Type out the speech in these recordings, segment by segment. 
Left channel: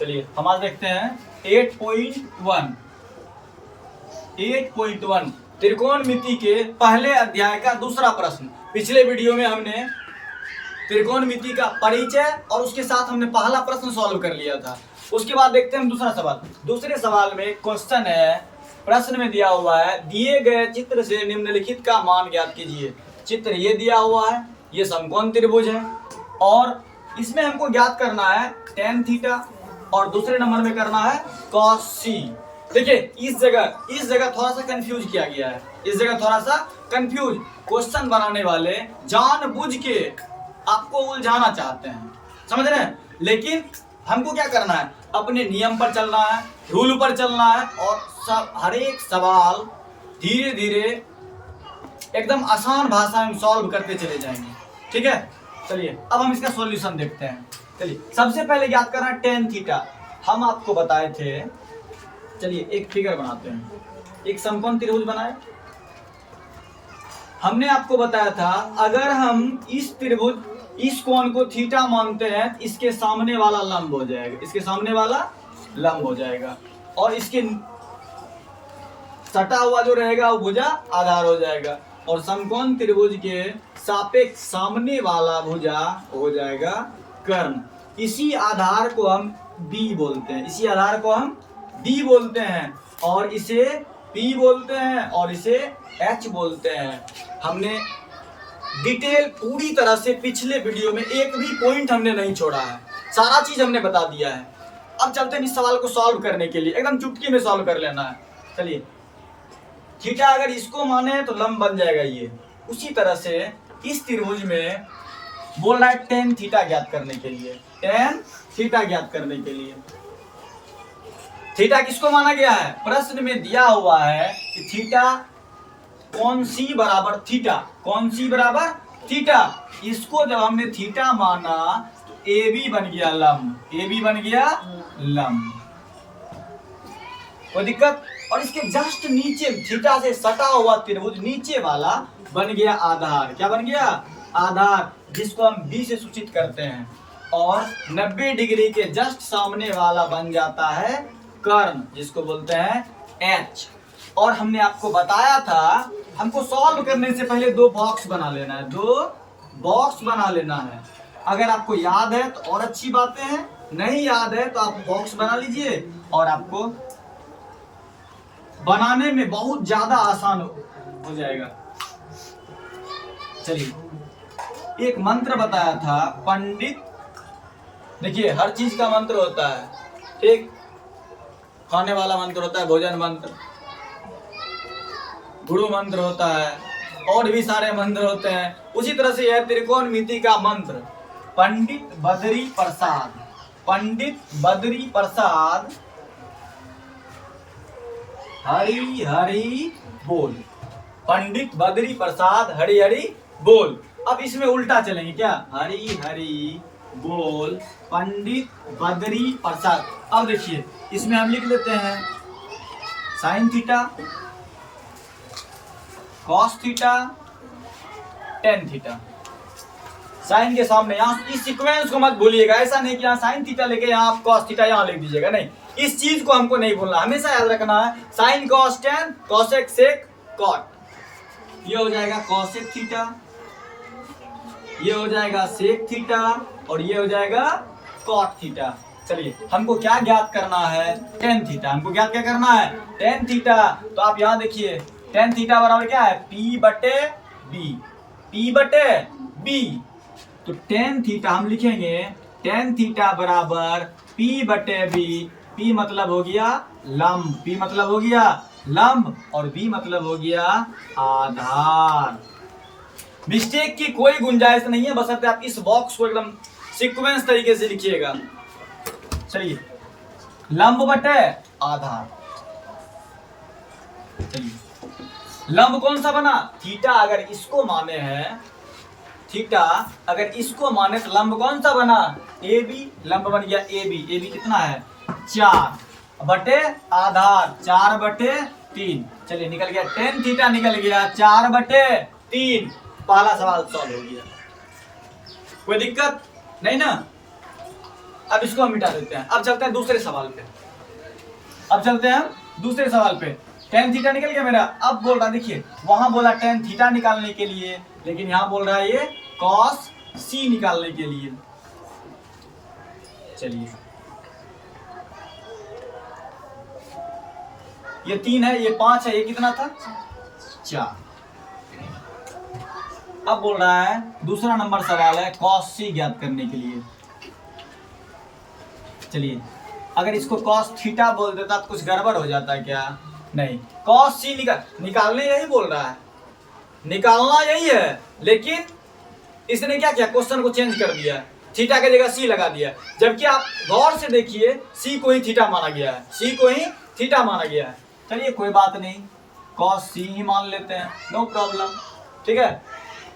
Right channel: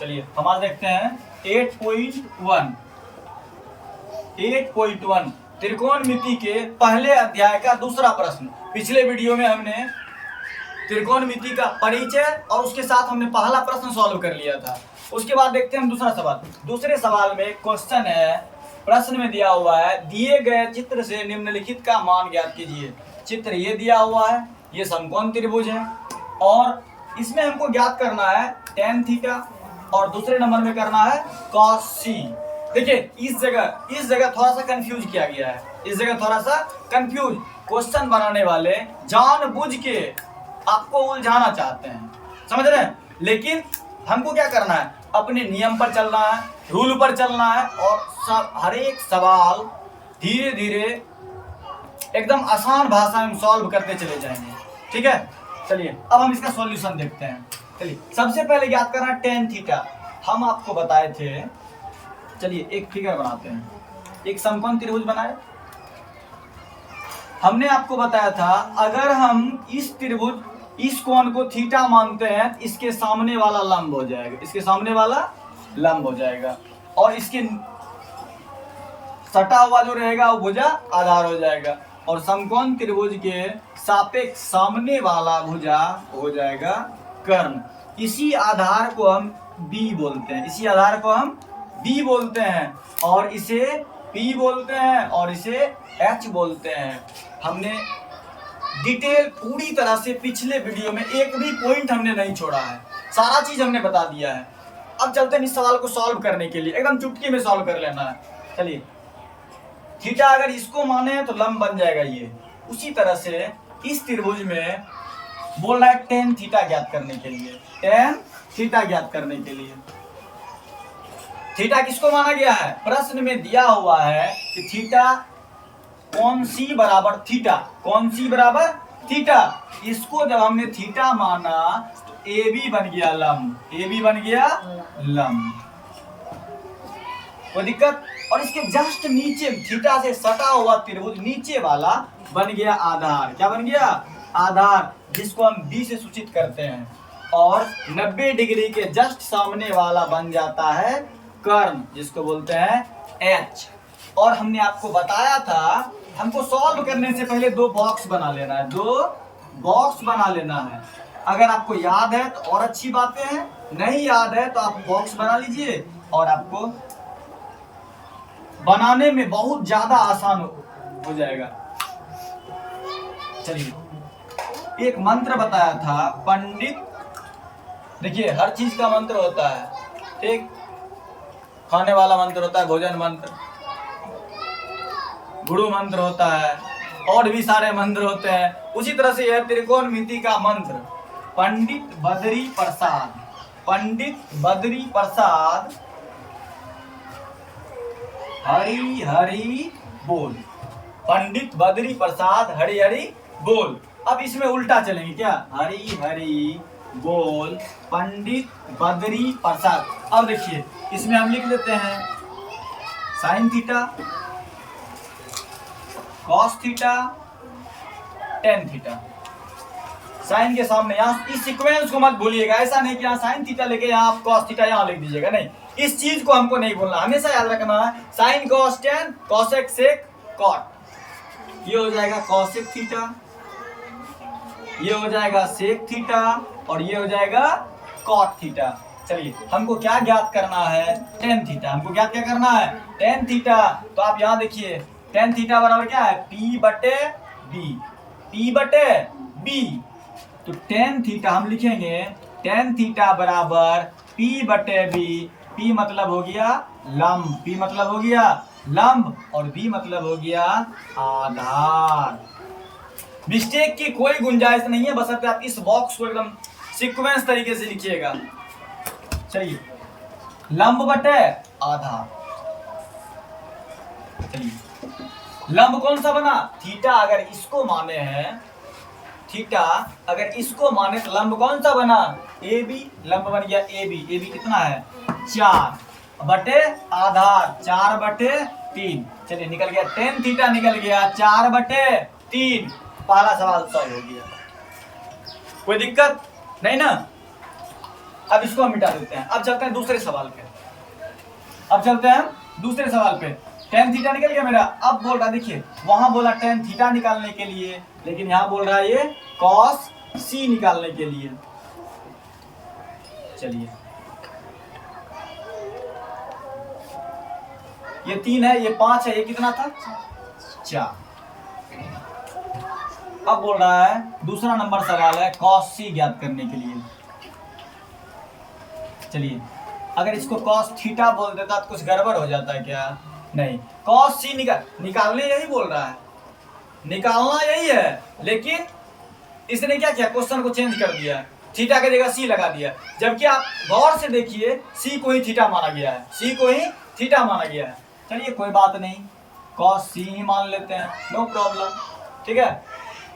चलिए हम आज देखते हैं 8.1 त्रिकोणमिति के पहले अध्याय का दूसरा प्रश्न। पिछले वीडियो में हमने त्रिकोणमिति का परिचय और उसके साथ हमने पहला प्रश्न सॉल्व कर लिया था। उसके बाद देखते हैं हम दूसरा सवाल। दूसरे सवाल में क्वेश्चन है, प्रश्न में दिया हुआ है दिए गए चित्र से निम्नलिखित का मान ज्ञात कीजिए। चित्र ये दिया हुआ है, ये समकोण त्रिभुज है और इसमें हमको ज्ञात करना है tan थीटा और दूसरे नंबर में करना है cos c। देखिए इस जगह थोड़ा सा कंफ्यूज किया गया है, इस जगह थोड़ा सा कंफ्यूज। क्वेश्चन बनाने वाले जानबूझ के आपको उलझाना चाहते हैं, समझ रहे हैं। लेकिन हमको क्या करना है, अपने नियम पर चलना है, रूल पर चलना है और हर एक सवाल धीरे धीरे एकदम आसान भाषा में सॉल्व करते चले जाएंगे, ठीक है। चलिए अब हम इसका सॉल्यूशन देखते हैं। चलिए सबसे पहले याद करना tan थीटा। हम आपको बताए थे, चलिए एक फिगर बनाते हैं, एक समकोण त्रिभुज बनाए। हमने आपको बताया था अगर हम इस त्रिभुज इस कोण को थीटा मानते हैं तो इसके सामने वाला लंब हो जाएगा, इसके सामने वाला लंब हो जाएगा और इसके सटा हुआ जो रहेगा वो भुजा आधार हो जाएगा और समकोण त्रिभुज के सापेक्ष सामने वाला भुजा हो जाएगा कर्ण। इसी आधार को हम B बोलते हैं, इसी आधार को हम B बोलते हैं और इसे P बोलते हैं और इसे H बोलते हैं। हमने डिटेल पूरी तरह से पिछले वीडियो में एक भी पॉइंट हमने नहीं छोड़ा है, सारा चीज हमने बता दिया है। अब चलते हैं इस सवाल को सॉल्व करने के लिए, एकदम चुटकी में सॉल्व कर लेना है। चलिए थीटा अगर इसको माने तो लंब बन जाएगा ये। उसी तरह से इस त्रिभुज में बोल रहा है tan थीटा ज्ञात करने के लिए, tan थीटा ज्ञात करने के लिए। थीटा किसको माना गया है, प्रश्न में दिया हुआ है कि थीटा कौन सी बराबर थीटा, कौन सी बराबर थीटा। इसको जब हमने थीटा माना तो AB बन गया लंब, AB बन गया लंब, कोई दिक्कत। और इसके जस्ट नीचे थीटा से सटा हुआ त्रिभुज नीचे वाला बन गया आधार। क्या बन गया, आधार, जिसको हम B से सूचित करते हैं। और 90 डिग्री के जस्ट सामने वाला बन जाता है कर्ण, जिसको बोलते हैं H। और हमने आपको बताया था हमको सॉल्व करने से पहले दो बॉक्स बना लेना है, दो बॉक्स बना लेना है। अगर आपको याद है तो और अच्छी बातें हैं, नहीं याद है तो आप बॉक्स बना लीजिए और आपको बनाने में बहुत ज्यादा आसान हो जाएगा। चलिए एक मंत्र बताया था पंडित, देखिए हर चीज का मंत्र होता है, एक खाने वाला मंत्र होता है भोजन मंत्र, गुरु मंत्र होता है और भी सारे मंत्र होते हैं। उसी तरह से यह त्रिकोणमिति का मंत्र पंडित बद्री प्रसाद, पंडित बद्री प्रसाद हरि हरि बोल, पंडित बद्री प्रसाद हरि हरि बोल। अब इसमें उल्टा चलेंगे क्या, हरि हरि बोल पंडित बद्री प्रसाद। अब देखिए इसमें हम लिख लेते हैं sine theta, cos theta, tan theta. Sine के सामने यहाँ इस सीक्वेंस को मत भूलिएगा, ऐसा नहीं कि यहाँ साइन थीटा लेके यहाँ कॉस थीटा यहाँ लिख दीजिएगा, नहीं, इस चीज को हमको नहीं भूलना, हमेशा याद रखना है sine cos tan cosec sec cot. ये हो जाएगा कॉसेक थीटा, ये हो जाएगा सेक थीटा और ये हो जाएगा कॉट थीटा। चलिए हमको क्या ज्ञात करना है, टेन थीटा। हमको क्या करना है, टेन थीटा। तो आप यहाँ देखिए टेन थीटा बराबर क्या है, P बटे B, P बटे B। तो टेन थीटा हम लिखेंगे, टेन थीटा बराबर P बटे B। P मतलब हो गया लंब, P मतलब हो गया लंब और B मतलब हो गया आधार। मिस्टेक की कोई गुंजाइश नहीं है, बशर्ते आप इस बॉक्स को एकदम सीक्वेंस तरीके से लिखिएगा। चलिए लंब बटे आधार, चलिए लंब कौन सा बना, थीटा अगर इसको माने हैं, थीटा अगर इसको माने तो लंब कौन सा बना, AB, लंब बन गया AB। AB कितना है 4 बटे आधार 4 बटे 3। चलिए निकल गया टेन थीटा, निकल गया 4 बटे 3। पहला सवाल सॉल्व हो गया, कोई दिक्कत नहीं ना। अब इसको हम मिटा देते हैं। अब चलते हैं दूसरे सवाल पे। अब चलते हैं दूसरे सवाल पे। टेन थीटा निकल गया मेरा। अब बोल रहा देखिए, वहां बोला टेन थीटा निकालने के लिए, लेकिन यहां बोल रहा है ये कॉस सी निकालने के लिए। चलिए, ये 3 है, ये 5 है, ये कितना था 4। अब बोल रहा है दूसरा नंबर सवाल है कॉस सी ज्ञात करने के लिए। चलिए, अगर इसको कॉस थीटा बोल देता तो कुछ गड़बड़ हो जाता है क्या? नहीं, कॉस सी निकालने यही बोल रहा है, निकालना यही है, लेकिन इसने क्या किया, क्वेश्चन को चेंज कर दिया है, थीटा की जगह सी लगा दिया। जबकि आप गौर से देखिए, सी को ही थीटा माना गया है, सी को ही थीटा माना गया है। चलिए कोई बात नहीं, कॉस सी ही मान लेते हैं, नो प्रॉब्लम। ठीक है,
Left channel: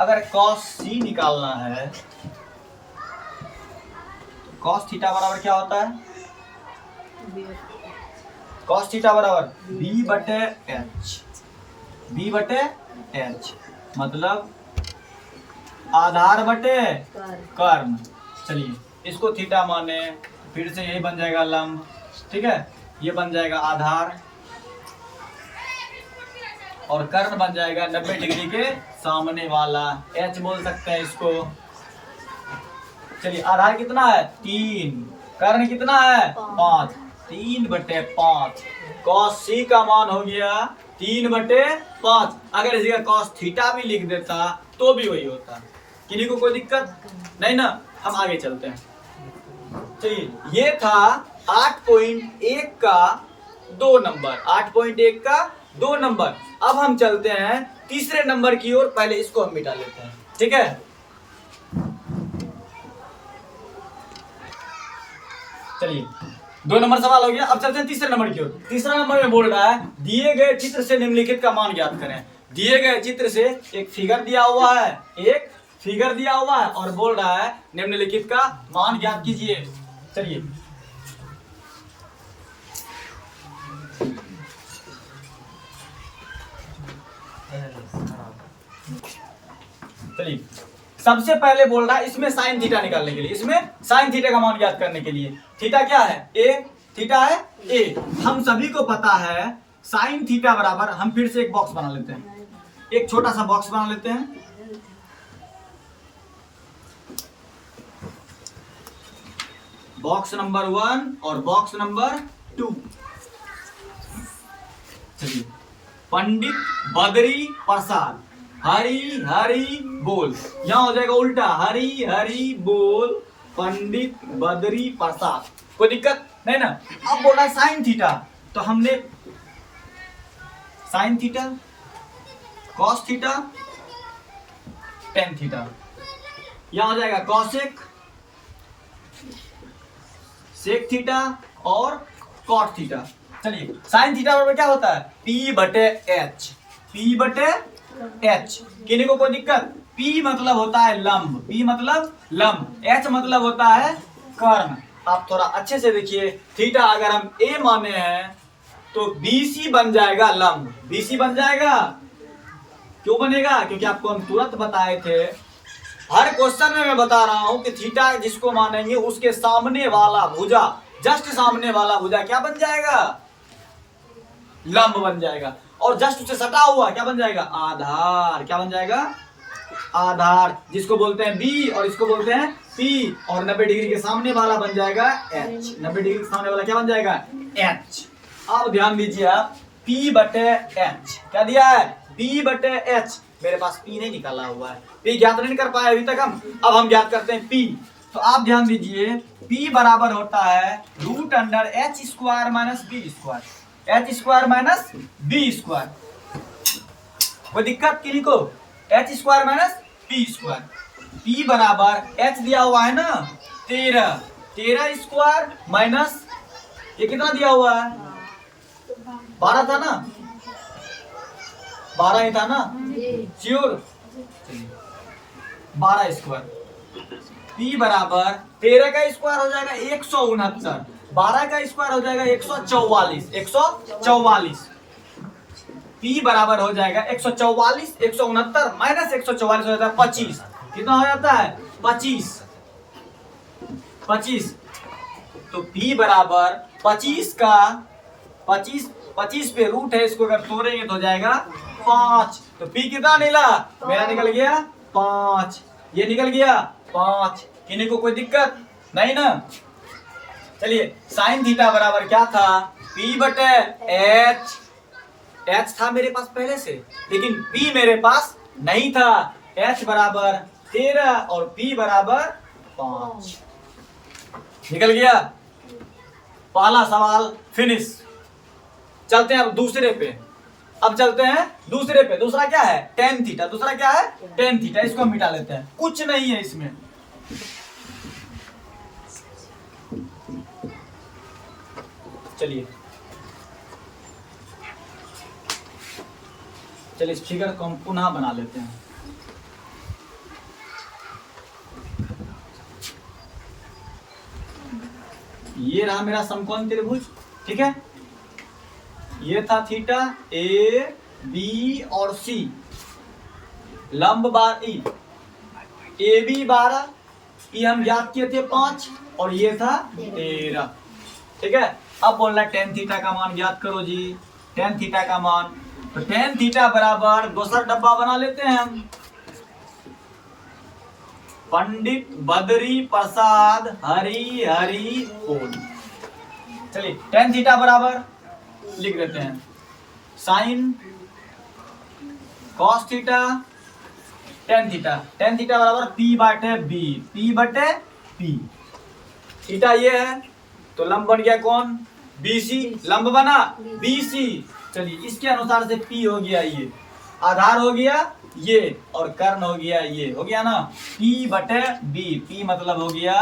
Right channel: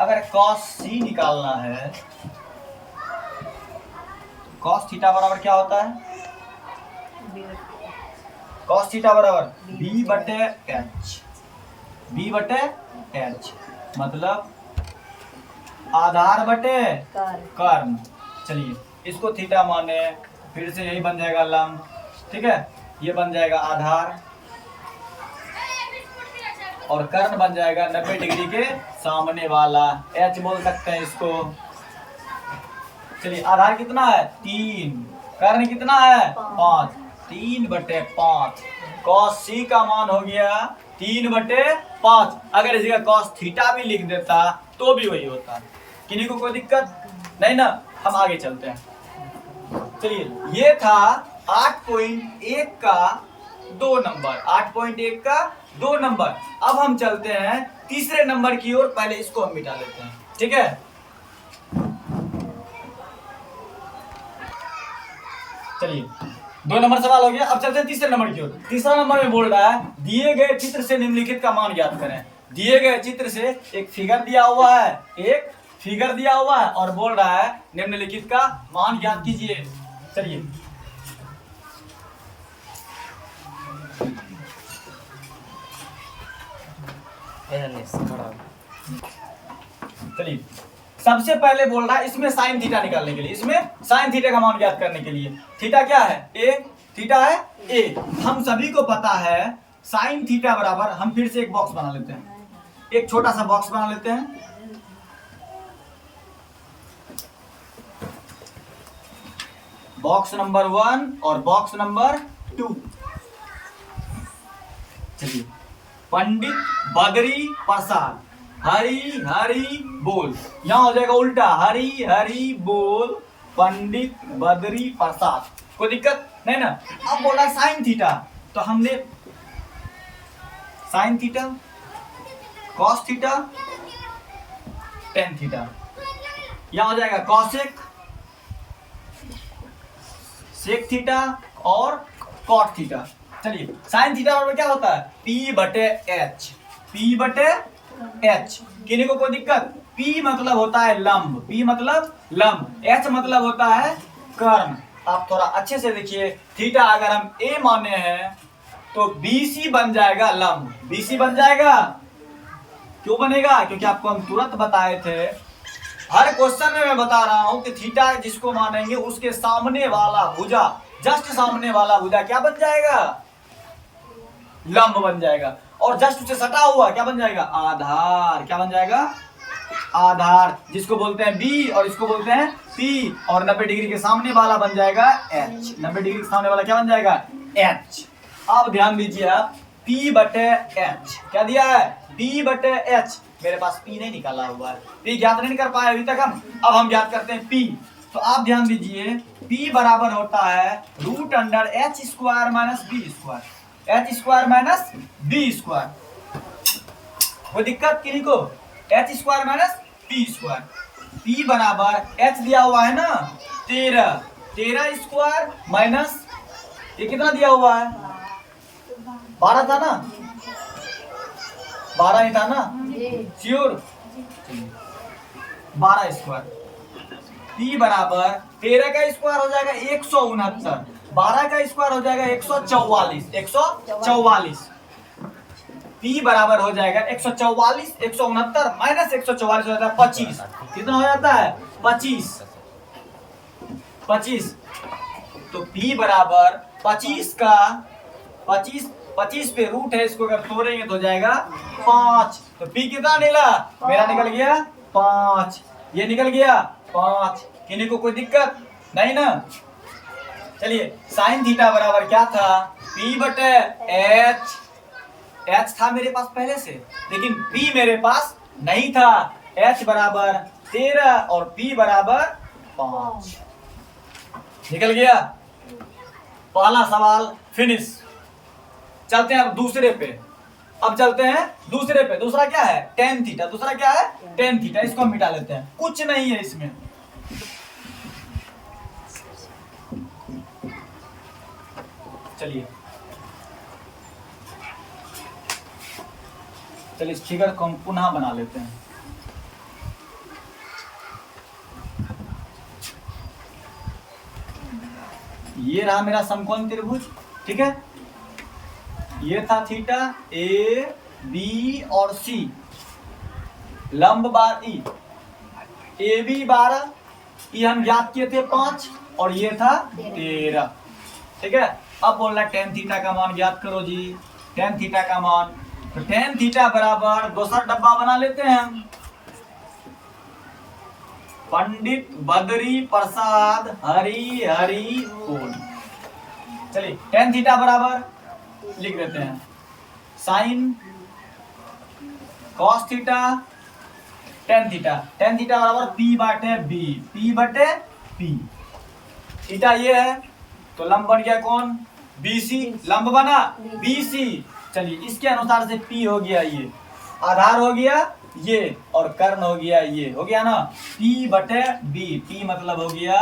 अगर कॉस सी निकालना है, कॉस थीटा बराबर क्या होता है? कॉस थीटा बराबर बी बटे एच। बी बटे एच मतलब आधार बटे कर्म। चलिए, इसको थीटा माने, फिर से यही बन जाएगा लंब। ठीक है, ये बन जाएगा आधार और कर्ण बन जाएगा 90 डिग्री के सामने वाला, एच बोल सकते हैं इसको। चलिए, आधार कितना है 3, कर्ण कितना है 5, 3 बटे 5। कॉस सी का मान हो गया 3 बटे 5। अगर इसी का कॉस थीटा भी लिख देता तो भी वही होता, किन्हीं को कोई दिक्कत नहीं ना। हम आगे चलते हैं। चलिए, ये था 8.1 का 2 नंबर, 8.1 का 2 नंबर। अब हम चलते हैं तीसरे नंबर की ओर। पहले इसको हम मिटा लेते हैं, ठीक है। चलिए, 2 नंबर सवाल हो गया। अब चलते हैं तीसरे नंबर की ओर। तीसरा नंबर में बोल रहा है दिए गए चित्र से निम्नलिखित का मान ज्ञात करें। दिए गए चित्र से एक फिगर दिया हुआ है, एक फिगर दिया हुआ है और बोल रहा है निम्नलिखित का मान ज्ञात कीजिए। चलिए, चलिए, सबसे पहले बोल रहा है इसमें साइन थीटा निकालने के लिए, इसमें साइन थीटा का मान ज्ञात करने के लिए। थीटा क्या है? ए। थीटा है ए। हम सभी को पता है साइन थीटा बराबर, हम फिर से एक बॉक्स बना लेते हैं, एक छोटा सा बॉक्स बना लेते हैं। बॉक्स नंबर 1 और बॉक्स नंबर 2। चलिए, पंडित बदरी प्रसाद हरी हरी बोल, यहां हो जाएगा उल्टा, हरी हरी बोल पंडित बदरी प्रसाद। कोई दिक्कत नहीं ना। अब बोल रहा है साइन थीटा, तो हमने sign theta, cos theta, tan theta, यहां हो जाएगा कॉसेक, सेक थीटा और कॉट थीटा। चलिए, साइन थीटा बराबर क्या होता है? पी बटे एच। पी बटे एच, किन्हीं को कोई दिक्कत? P मतलब होता है लंब, P मतलब लंब, H मतलब होता है कर्ण। आप थोड़ा अच्छे से देखिए, थीटा अगर हम A माने हैं तो BC बन जाएगा लंब, BC बन जाएगा। क्यों बनेगा? क्योंकि आपको हम तुरंत बताए थे, हर क्वेश्चन में मैं बता रहा हूं कि थीटा जिसको मानेंगे उसके सामने वाला भुजा, जस्ट सामने वाला भुजा क्या बन जाएगा? लंब बन जाएगा। और जस्ट उसे सटा हुआ क्या बन जाएगा? आधार। क्या बन जाएगा? आधार, जिसको बोलते हैं बी और इसको बोलते हैं पी, और 90 डिग्री के सामने वाला बन जाएगा एच। 90 डिग्री के सामने वाला क्या बन जाएगा? एच। अब ध्यान दीजिए आप, पी बटे एच क्या दिया है? पी बटे एच। मेरे पास पी नहीं निकाला हुआ है, पी ज्ञात नहीं कर पाए अभी तक हम। अब हम ज्ञात करते हैं पी। तो आप ध्यान दीजिए, पी बराबर होता है root under H square minus B square, H square minus B square. कोई दिक्कत किन्हीं को? H square minus B square. P बराबर एच दिया हुआ है ना 13, 13 स्क्वायर माइनस ये कितना दिया हुआ है? 12 था ना? 12 ही था ना? श्योर? 12 स्क्वायर। पी बराबर 13 का स्क्वायर हो जाएगा 169, 12 का स्क्वायर हो जाएगा 144, 144। P बराबर हो जाएगा 144, 169 माइनस 144 हो जाता है 25। कितना हो जाता है? 25, 25। तो p बराबर 25 का 25 पे रूट है, इसको अगर तोड़ेंगे तो हो जाएगा 5। तो p कितना निकला? मेरा निकल गया 5, ये निकल गया 5। किन्हीं को कोई दिक्कत नहीं ना? चलिए साइन थीटा बराबर क्या था? p बटे h। h था मेरे पास पहले से, लेकिन p मेरे पास नहीं था। h बराबर 13 और p बराबर 5। निकल गया पहला सवाल फिनिश। चलते हैं अब दूसरे पे। अब चलते हैं दूसरे पे। दूसरा क्या है? Tan theta. दूसरा क्या है? Tan theta. इसको हम मिटा लेते हैं, कुछ नहीं है इसमें। चलिए इस फिगर को हम पुनः बना लेते हैं। ये रहा मेरा समकोण त्रिभुज, ठीक है। ये था थीटा ए बी और सी, लंब बार ई, ए बी 12, ये हम ज्ञात किए थे 5 और ये था 13, ठीक है। अब बोलना टेन थीटा का मान ज्ञात करो जी। टेन थीटा का मान, तो टेन थीटा बराबर दूसरा डब्बा बना लेते हैं हम। पंडित बद्री प्रसाद हरि हरि बोल। चलिए टेन थीटा बराबर लिख देते हैं sine cos theta tan theta. Tan theta बराबर पी बटे बी, पी बटे पी। थीटा ये है तो लंब बन गया कौन? बीसी। लंब बना बीसी। चलिए इसके अनुसार से पी हो गया, ये आधार हो गया ये, और कर्ण हो गया ये, हो गया ना P बटे B। P मतलब हो गया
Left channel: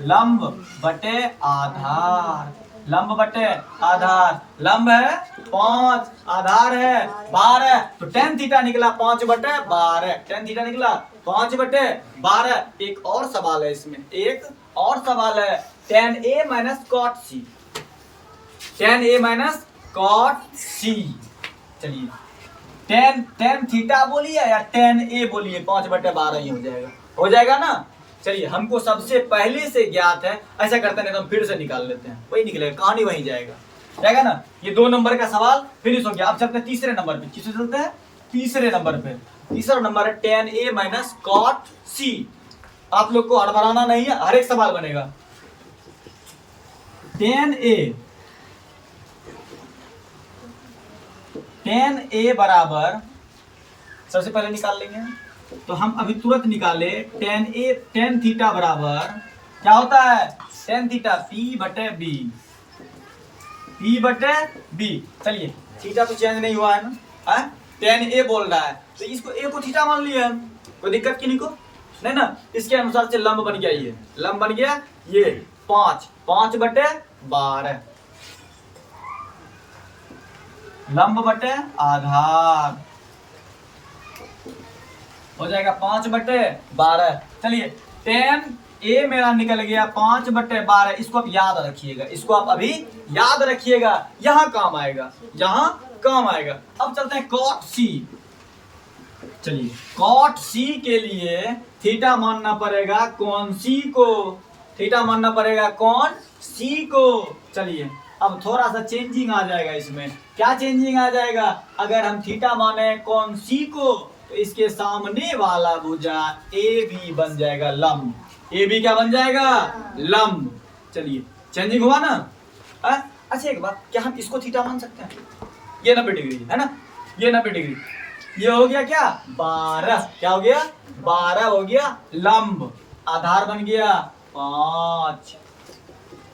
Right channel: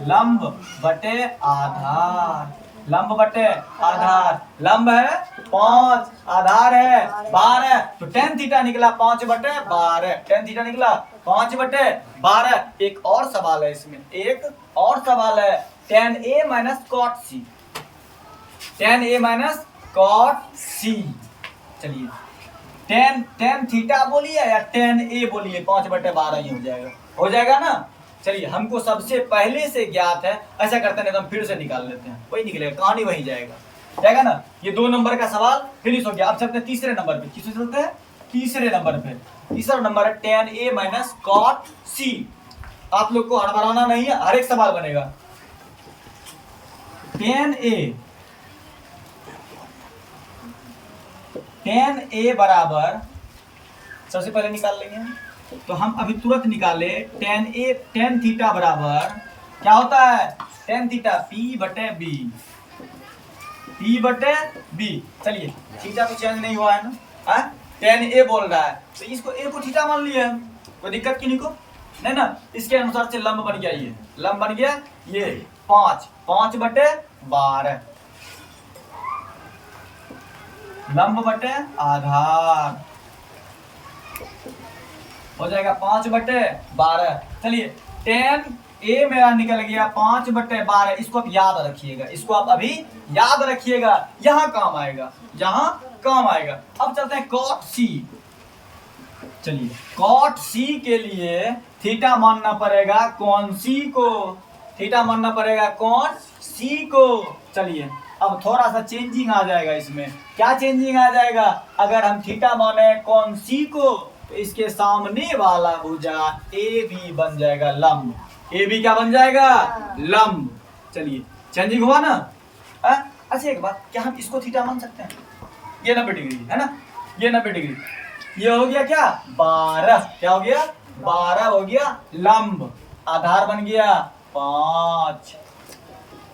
लंब बटे आधार, लंब बटे आधार। लंब है 5, आधार है 12, तो टेन थीटा निकला 5 बटे 12। टेन थीटा निकला 5 बटे 12। एक और सवाल है इसमें, एक और सवाल है टेन ए माइनस कॉट सी। टेन ए माइनस कॉट सी। चलिए टेन थीटा बोलिए या टेन ए बोलिए, 5 बटे 12 ही हो जाएगा ना। चलिए हमको सबसे पहले से ज्ञात है, ऐसा करते हैं तो हम फिर से निकाल लेते हैं, वही निकलेगा, कहानी वही जाएगा ना। ये 2 नंबर का सवाल फिनिश हो गया। अब चलते हैं तीसरे नंबर पे। किससे चलते हैं? तीसरे नंबर पे। तीसरा नंबर है टेन ए माइनस कॉट सी। आप लोग को हड़बड़ाना नहीं है, हर एक सवाल बनेगा। टेन ए बराबर, सबसे पहले निकाल लेंगे तो हम अभी तुरंत निकाले। टेन थीटा बराबर क्या होता है? टेन थीटा P बटे B, P बटे B। चलिए थीटा तो चेंज नहीं हुआ है ना, टेन ए बोल रहा है तो इसको ए को थीटा मान लिया, कोई दिक्कत किन्हीं को नहीं ना। इसके अनुसार से लंब बन गया, ये लंब बन गया ये 5 बटे 12, लंब बटे आधार हो जाएगा 5 बटे 12। चलिए टेन ए मेरा निकल गया 5 बटे 12। इसको आप याद रखिएगा, इसको आप अभी याद रखिएगा, यहां काम आएगा, यहां काम आएगा। अब चलते हैं कॉट सी। चलिए कॉट सी के लिए थीटा मानना पड़ेगा कौन सी को? थीटा मानना पड़ेगा कौन सी को? चलिए अब थोड़ा सा चेंजिंग आ जाएगा इसमें। क्या चेंजिंग आ जाएगा? अगर हम थीटा माने कौन सी को तो इसके सामने वाला भुजा ए बी बन जाएगा लंब। ए बी क्या बन जाएगा? लंब। चलिए चेंजिंग हुआ ना। अच्छा एक बात, क्या हम इसको थीटा मान सकते हैं? ये 90 डिग्री है ना, ये 90 डिग्री। ये हो गया क्या? 12। क्या हो गया? 12 हो गया लंब। आधार बन गया 5,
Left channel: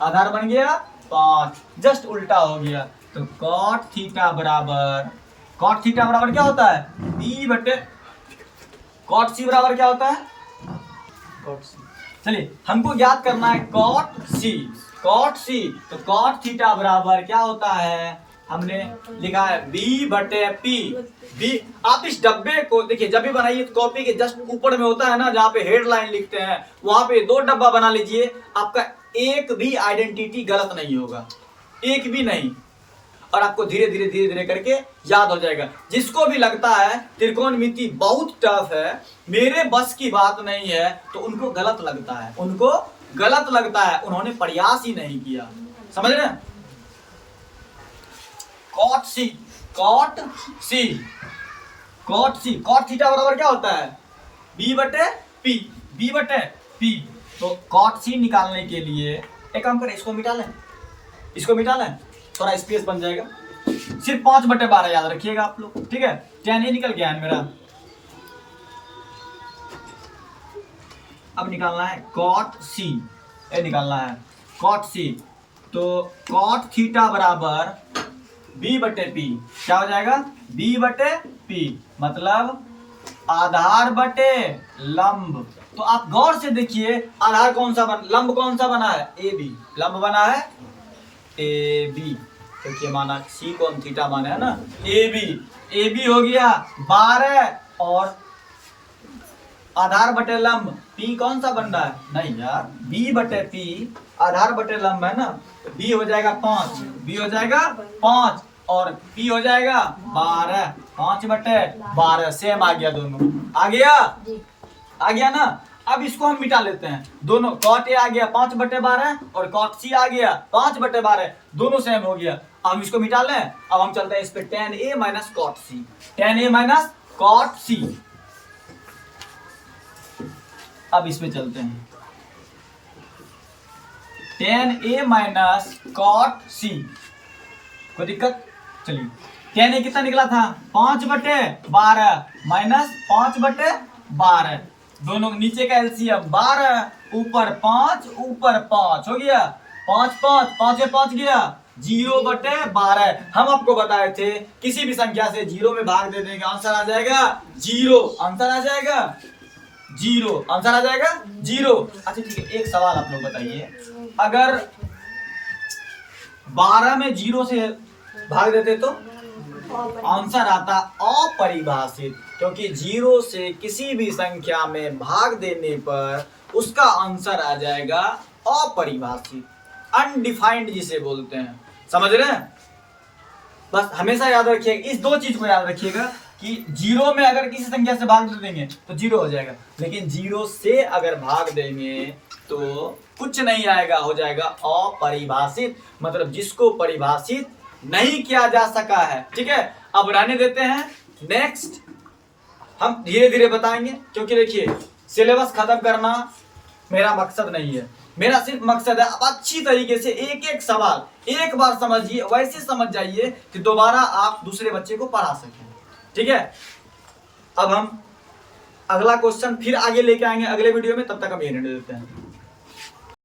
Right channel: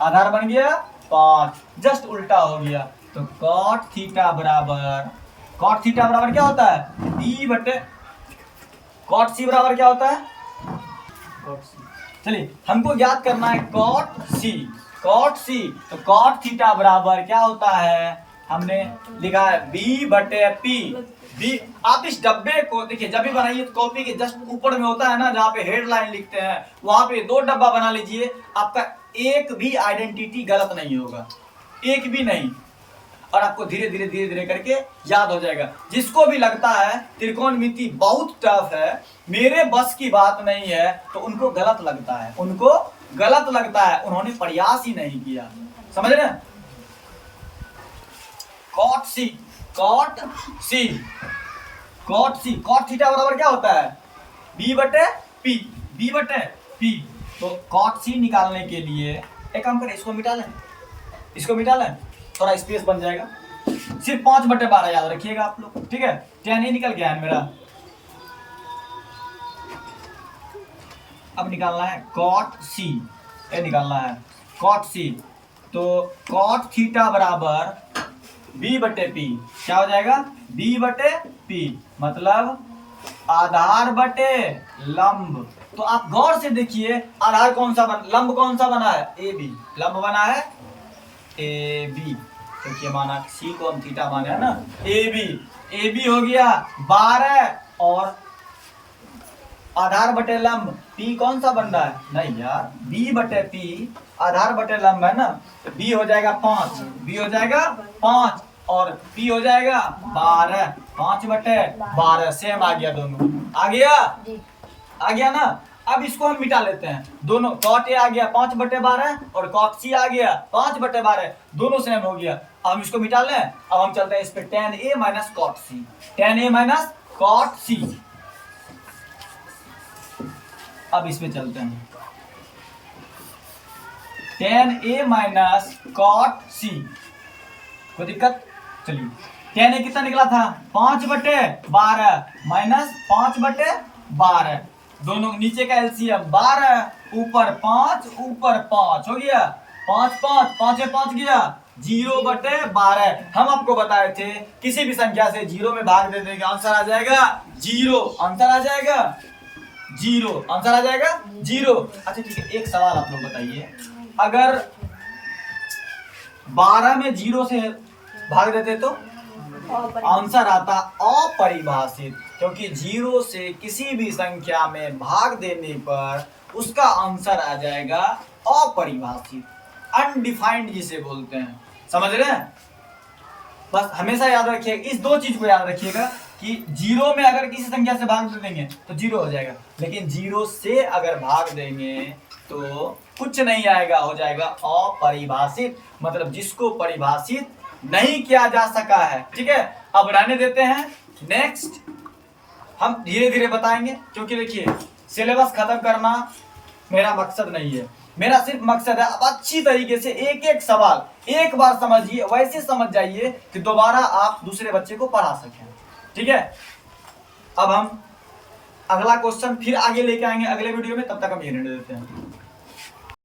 आधार बन गया 5, जस्ट उल्टा हो गया। तो कॉट थीटा बराबर क्या होता है? B बटे कॉट सी बराबर क्या होता है? Cot C. चलिए हमको ज्ञात करना है कॉट सी। तो कॉट थीटा बराबर क्या होता है? हमने लिखा है B बटे P। आप इस डब्बे को देखिए, जब भी बनाइए तो कॉपी के जस्ट ऊपर में होता है ना, जहाँ पे हेडलाइन लिखते हैं, वहां पे 2 डब्बा बना लीजिए। आपका एक भी आइडेंटिटी गलत नहीं होगा, एक भी नहीं, और आपको धीरे धीरे करके याद हो जाएगा। जिसको भी लगता है त्रिकोणमिति बहुत टफ है, मेरे बस की बात नहीं है, तो उनको गलत लगता है, उनको गलत लगता है, उन्होंने प्रयास ही नहीं किया। समझ रहे हैं? Cot C, cot C, cot C, cot theta बराबर क्या होता है? बी बटे पी, बी बटे पी। तो कॉट सी निकालने के लिए एक काम करें, इसको मिटा लें, इसको मिटा लें, थोड़ा स्पेस बन जाएगा। सिर्फ 5/12 याद रखिएगा आप लोग, ठीक है? tan a निकल गया है मेरा। अब निकालना है कॉट सी, ये निकालना है कॉट सी। तो कॉट थीटा बराबर b बटे पी, क्या हो जाएगा? b बटे पी, मतलब आधार बटे लंब। तो आप गौर से देखिए, आधार कौन सा लंब कौन सा बना है? ए बी, लंब बना है ए बी। देखिए माना सी कौन थीटा माने है ना, ए बी हो गया 12, और आधार बटे लंब पी कौन सा बन रहा है? नहीं यार, बी बटे पी आधार बटे लंब है ना, तो बी हो जाएगा 5, बी हो जाएगा 5 और पी हो जाएगा 12, 5/12 सेम आ गया, दोनों आ गया, आ गया ना। अब इसको हम मिटा लेते हैं, दोनों कॉट ए आ गया 5/12 और कॉट सी आ गया 5/12, दोनों सेम हो गया। अब हम इसको मिटा लें। अब हम चलते हैं इस पे tan a minus cot C, tan a minus cot C. अब इसमें चलते हैं, tan a minus cot C, कोई दिक्कत? चलिए, tan a कितना निकला था? 5/12 माइनस 5/12, दोनों नीचे का एलसीएम 12, ऊपर 5, ऊपर 5 हो गया, 5 5 5 5 गया, 0/12। हम आपको बताए थे किसी भी संख्या से 0 में भाग दे देंगे, आंसर आ जाएगा 0, आंसर आ जाएगा 0, आंसर आ जाएगा 0। अच्छा ठीक है, एक सवाल आप लोग बताइए, अगर 12 में 0 से भाग देते तो आंसर आता अपरिभाषित, क्योंकि 0 से किसी भी संख्या में भाग देने पर उसका आंसर आ जाएगा अपरिभाषित, अनडिफाइंड जिसे बोलते हैं। समझ रहे हैं? बस हमेशा याद रखिएगा, इस दो चीज को याद रखिएगा कि 0 में अगर किसी संख्या से भाग दे देंगे तो 0 हो जाएगा, लेकिन 0 से अगर भाग देंगे तो कुछ नहीं आएगा, हो जाएगा अपरिभाषित, मतलब जिसको परिभाषित नहीं किया जा सका है। ठीक है, अब रहने देते हैं, नेक्स्ट हम धीरे धीरे बताएंगे, क्योंकि देखिए सिलेबस खत्म करना मेरा मकसद नहीं है, मेरा सिर्फ मकसद है आप अच्छी तरीके से एक एक सवाल एक बार समझिए, वैसे समझ जाइए कि दोबारा आप दूसरे बच्चे को पढ़ा सकें। ठीक है, अब हम अगला क्वेश्चन फिर आगे लेके आएंगे अगले वीडियो में, तब तक हम ये रहने देते हैं।